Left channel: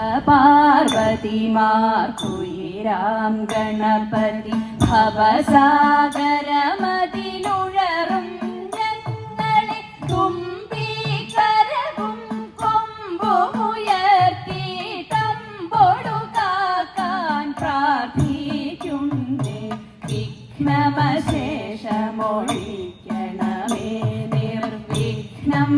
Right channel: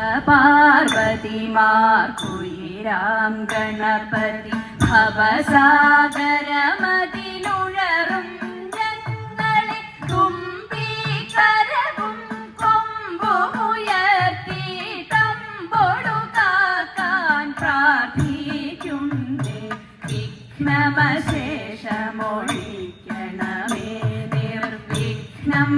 പാർവതിമാർക്കുയിരാം ഗണപതി ഭവസാഗരമതിലുഴറും ഞങ്ങളെ തുമ്പീകരവും കൊമ്പുമുയർത്തിയിട്ടമ്പൊടു കാക്കാൻ പ്രാർത്ഥിക്കുന്നേ വിഘ്നമശേഷമൊഴിക്കണമേ നിർവിഘ്നം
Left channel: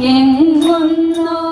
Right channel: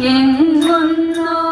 എന്നൊന്നു